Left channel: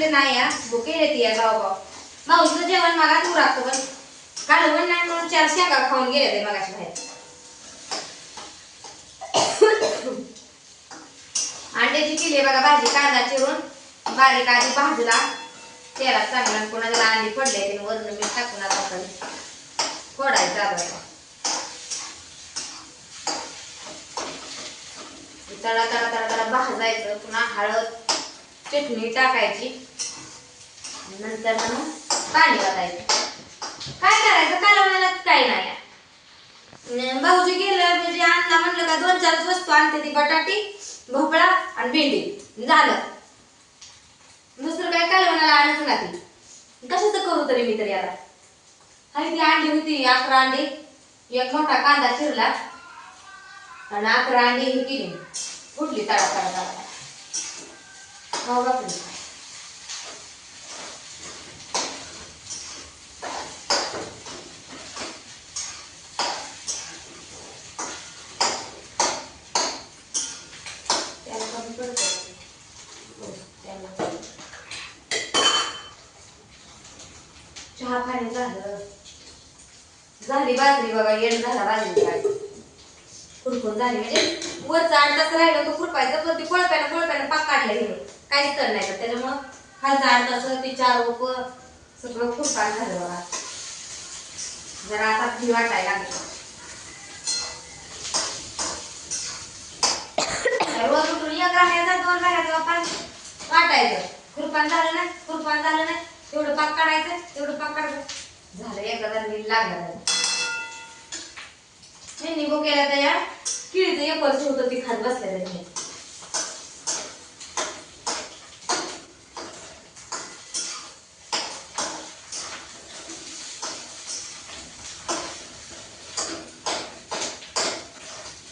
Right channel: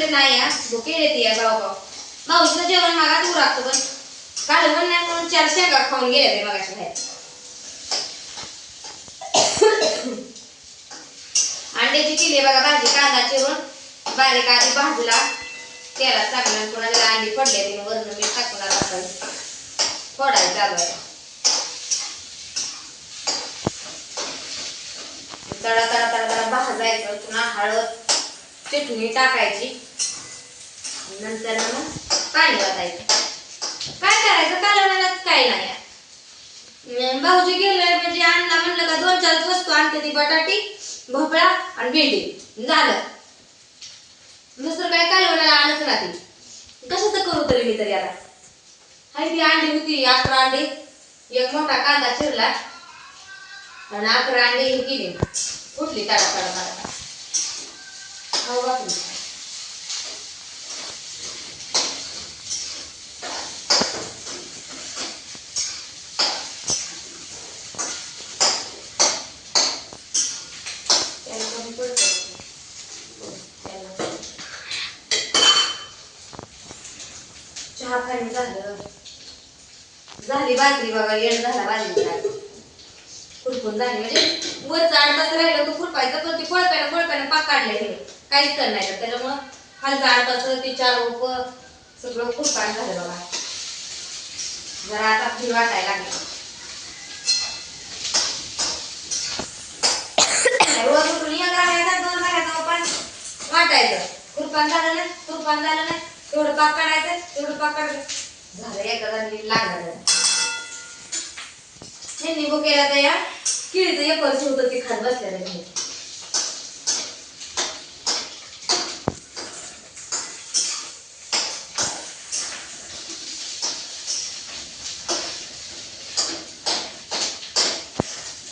म्हटले नाही या भुके येते या गाव भाऊचं जेवण मागात उरागतं पण कालवण नाही म्हणून 4 शेंगा खाऊन गेले ते मगाशी बाहेर. अंड्याची केली बघा भाजी कांदा चिरून बारीक आधी भाजला तेलात चांगला पुन्हा त्याला अंडी फोडले ते वरून मीठ टाकून आता फोडायचं चालू आहे. तळा तळा तळा तळा भाजायचं पुन्हा हळद चटणी टाकायची नंतर मग पाणी वाटायचं. काय करायचं कालवणालाच काय नाही. भाऊजी गेलं म्हणजे आणला म्हणलं का 2-4 वस्तू आणते ती बटाटी भोपळा आणि भेंडी झालं. दुसरं काय कालवणाला आणच ना ती कशाचं करू तरी मी तरी आता हाय ती अंडी होती 11 अंडी एक मोठा कांदा चिरला आणि 11 अंडी ही केली फुटली तडा तडा तडा हो बापरे. चहा पाणी झाली बाजरी बघा येड झाला बाजरी खुरपून झाली म्हणजे वरचा 8 तास राहिलं तो खुरपायचा तर ती कोळप्यानं पाक काढलं हे काहीच कर नाही त्याच्यामुळं खालचा 8 तास ती 4 उप सगळं खुरपान झालं बघा. जरा आता फ्री वाटायला लागली. रोज उठून 1 राहायचा 2 राहायचा पण वाटायचं खुरपान झालं नाही तेवढं पाक काढायचं झालं एखादा नीट लागणार नाही निघू केला तर या किळीचं एक वर्ष होतं ती खात बसल्या तरी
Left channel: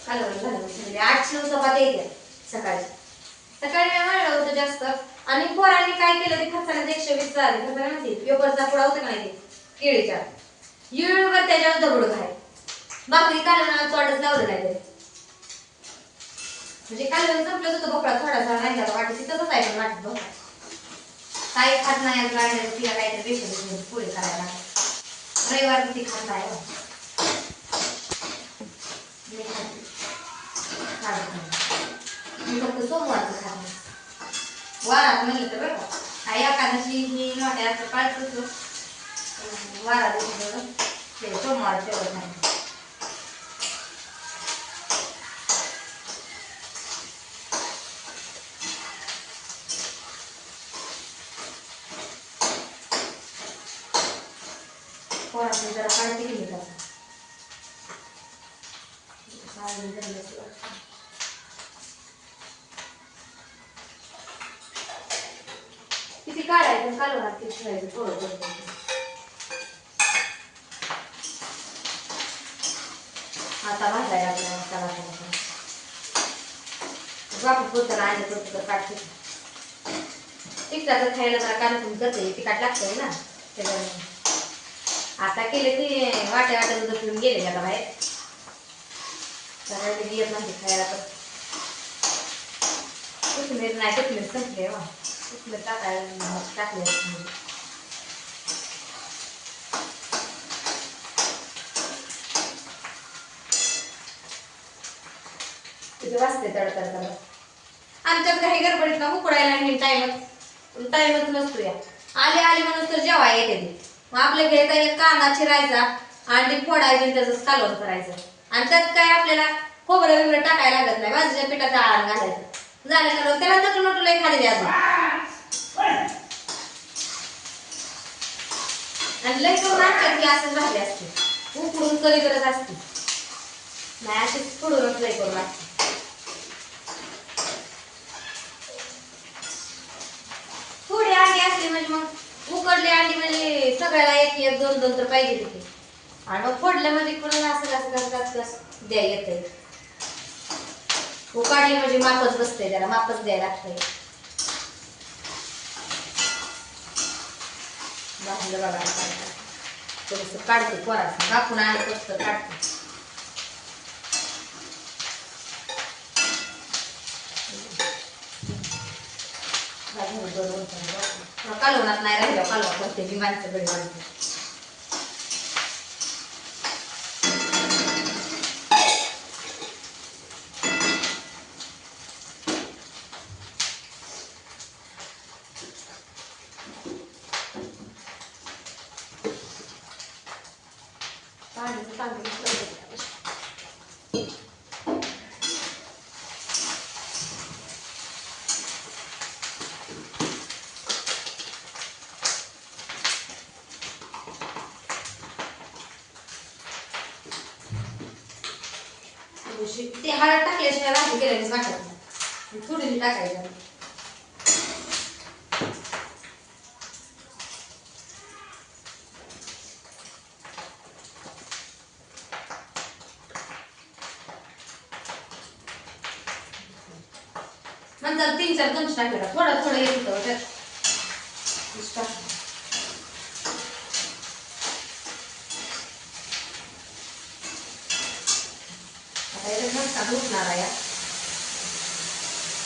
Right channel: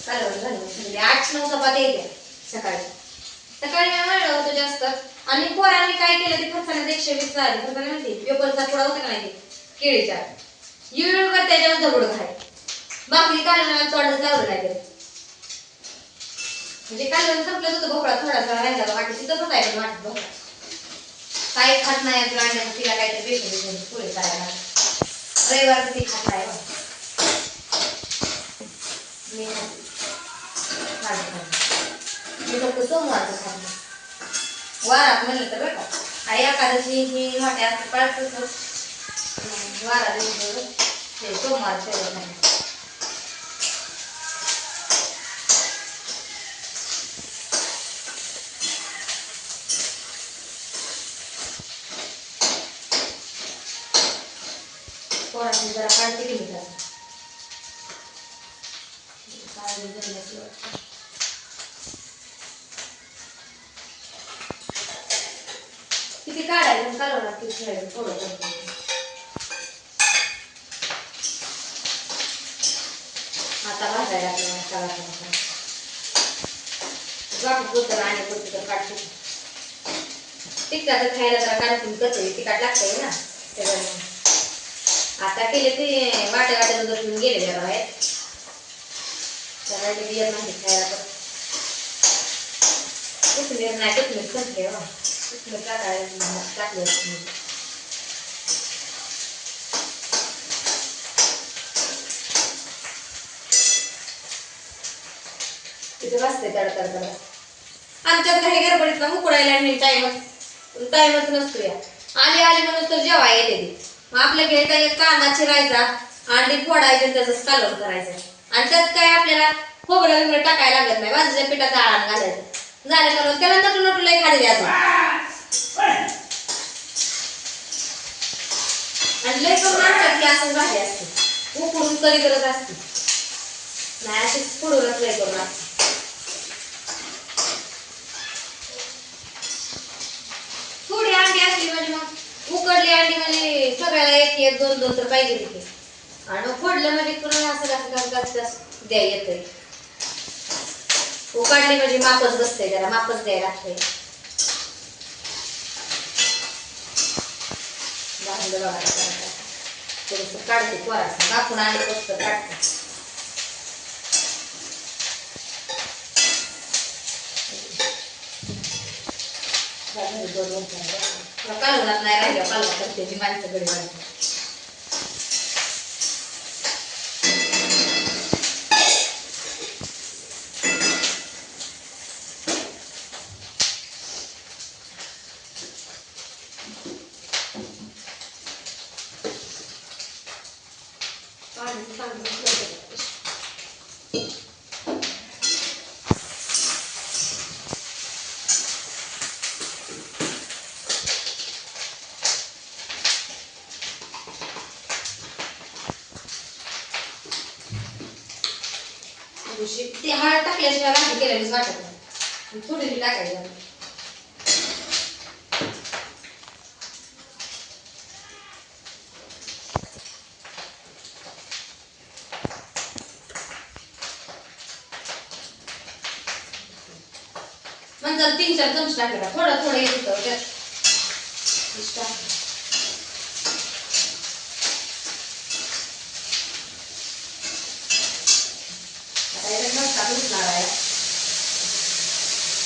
कालवण झालं म्हणजे 8-9 चपात्या येत्या सकाळी मी म्हणलं होतं जास्त. आणि पोरांनी काय केलं ते फरसाणात 120 झाले फरसाणा माहिती पेपरचा पुडा होता का नाही ते केळीच्या युळकर त्याच्यावर दगड खाय भाकरी कालवणाला तोडच लावलं नाही तरी म्हणजे कालवण संपलं होतं भोपळा थोडासा राहिला वाटत तिथंच आहे पण वाटत भोपळा काही खात नाही आज राहिलं तिला काहीतरी पेशंट पुढे करायला रविवार ती खात नाही मी फक्त सोमवारचं खात नाही वारात म्हणलं तर बरं का एकादशी ही मोठ्या पाळतो वारा दिवस हे सोमवार ठेवत नाही. पोरांनी जरा काळजी केली त्याचं किती काढायचं कालवणार किती थोडं आता भाजायला बापू बोलतं आणि बोलतं काढते तिखटाचं खायला जरा काढून करते तिखट लागतंय ना त्याच्यामुळे आता केले ते वाट्या दसून गेले जरा बाहेर जरा ते येत नाही खायला तर कोथिंबीर नाही कोथिंबीर संपले कोथिंबीर टाकले तिथे वाजते तडतड आमच्यात काही गडबडीत ना उकडायला नाही टाइमच नसतो या आली म्हणून तर जेवाय येते ती मग आपल्या घरी काही कांदा चिरायचा अंडी फोडायचे त्याचं कालवण करायचं आणि त्यात काय आपल्याला खोबरं वगैरे टाकायला लागत नाही भाजीच्या पिठाचा आळण घालायचं झालं करून त्याला नटू लई खाली द्यायचं आणि लई करून आमच्यात असं भाजी असते उकडून करी करत असते नाही अशीच फोडूनच लई करून असते. थोडी अंडी असली म्हणजे मग उकडली अंडी म्हणजे सगळ्याला 1-2 तर पाहिजे तिथे आणि मग फोडलं म्हणजे कोणाला असं द्या येतंय उकडली म्हणजे मापच बसते त्याला मापच द्यायला लागतंय. भाजलं बघा थोडंसं काढते पोराचं कापून आणि मस्त काढते कालवणात नाही राहिलं कालवण करते मी माणसं घरी माणसं ते हळद टाकल्याशिवाय भाजी केल्यानेच वाटत नाही थोडी टाकायची नंतर 3-4 चमचे टाकायचा थोडं थोडं येत होतं त्यात आता याच्यात मस्त घुसणार आहे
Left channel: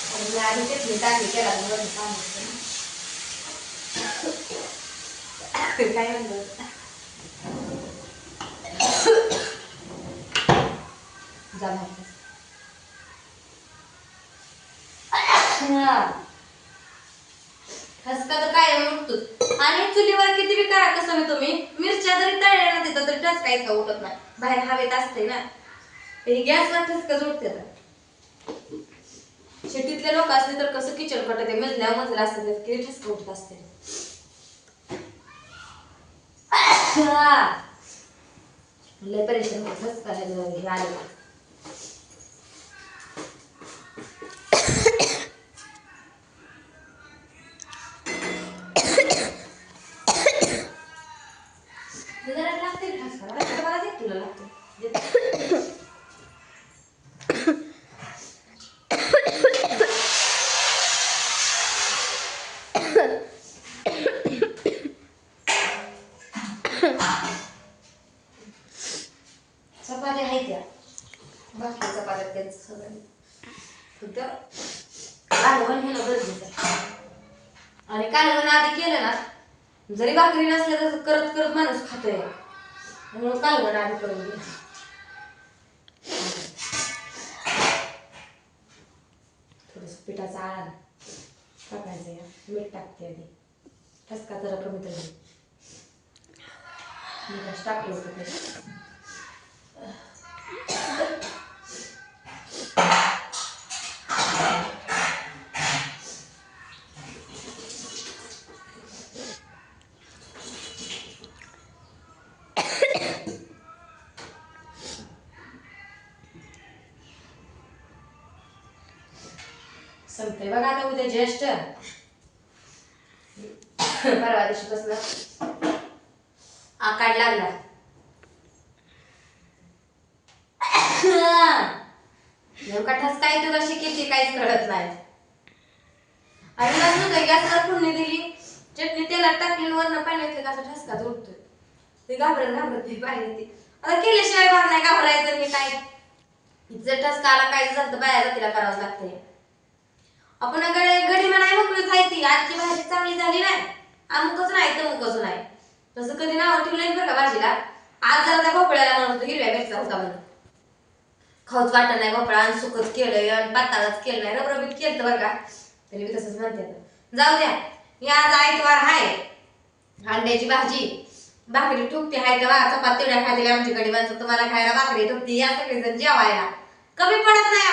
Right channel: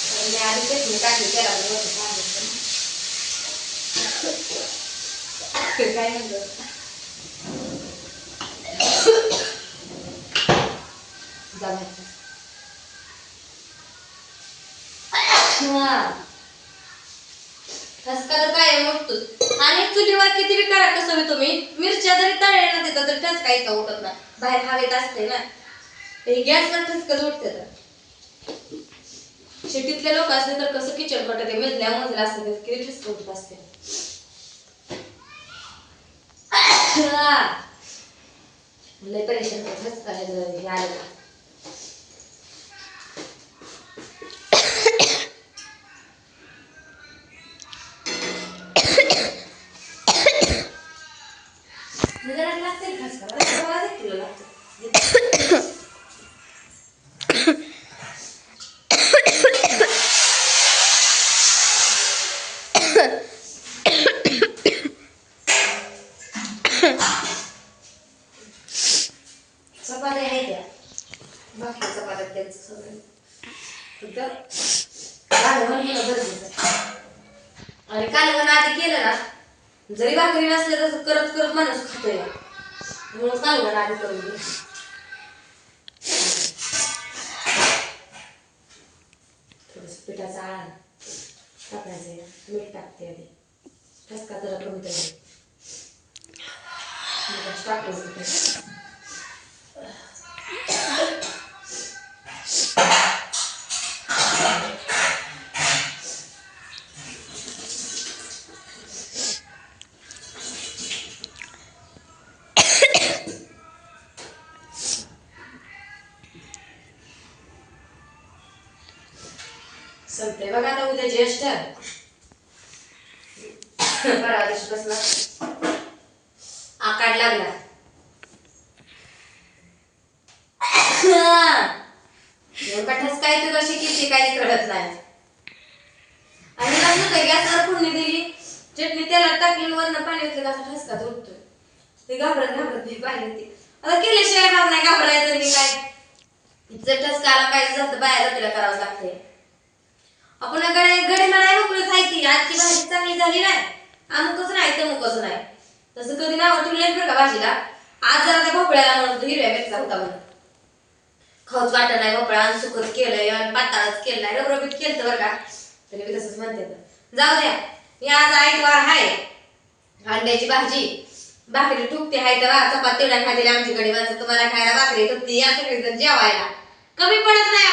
आणि मी आधी चटणी टाकली त्याला वरून सांगितलं काय म्हणतो ठसका तर काय नुकतो आणि चुलीवर किती बी करा कसं मी तुम्ही मिरच्या जरी तळल्या ना तिथं तरी ठसका इतका उठत नाही बाहेर हवेत असते ना ते गॅसवर ठसकाच उठते तर शेतीतले लोक असले तर कसं किचन कट ते मजल्या असते किती ठसका उठत असते लय परेशान होत ठसका हे आले चपात्या आहेत त्या बाकी चपात्या त्यांचं सगळं कालवण होणं गरजेचं आहे आणि कालवण आधी केलं ना जरी भाकरी नसल्या तर करत करत माणूस खातोय म्हणून कालवण आधी करून घे थोडस पिठाचा आळा टाकायचं मीठ टाकते आधी ठसका जरा कमी तरी टाकलं संपते बघा आता उद्या ज्येष्ठ परवा दिवशी बसला आकाड लागला कठाच काय तर कशी किती काहीच कळत नाही आणि मग गॅसवर फोडणी दिली चटणी तेलात टाकली वरण पाणी होते असा ठसका उठतोय ते घाबरत ती पाहिजे ती आता केल्याशिवाय भाग नाही घाबरायचं मी काय जर ठसका आला काय जातं बाया जातीला करावं लागते आपण गडी म्हणाय मोकळी खायची आजची भाजी चांगली झाली नाही अमुकच नाही तमुकच नाही तसं कधी नाव ठेवलं बरं का भाजीला आज जरा त्या भोपळ्याला म्हणून हिरव्या मिरचा होता म्हणून खाऊच वाटत नाही भोपळा आणि सुकत केलंय आणि पाताळच केलं नाही रबरबीत केलं बरं का तरी मी तसंच म्हणते जाऊ द्या मी आज आयतवार हाय अंड्याची भाजी भाकरी ठुकते हाय तर चपात तेवढ्या खायला आमची गडी माणसं तुम्हाला खायला भाकरी ठुकते या सगळेजण जेवायला कमी पडत नाही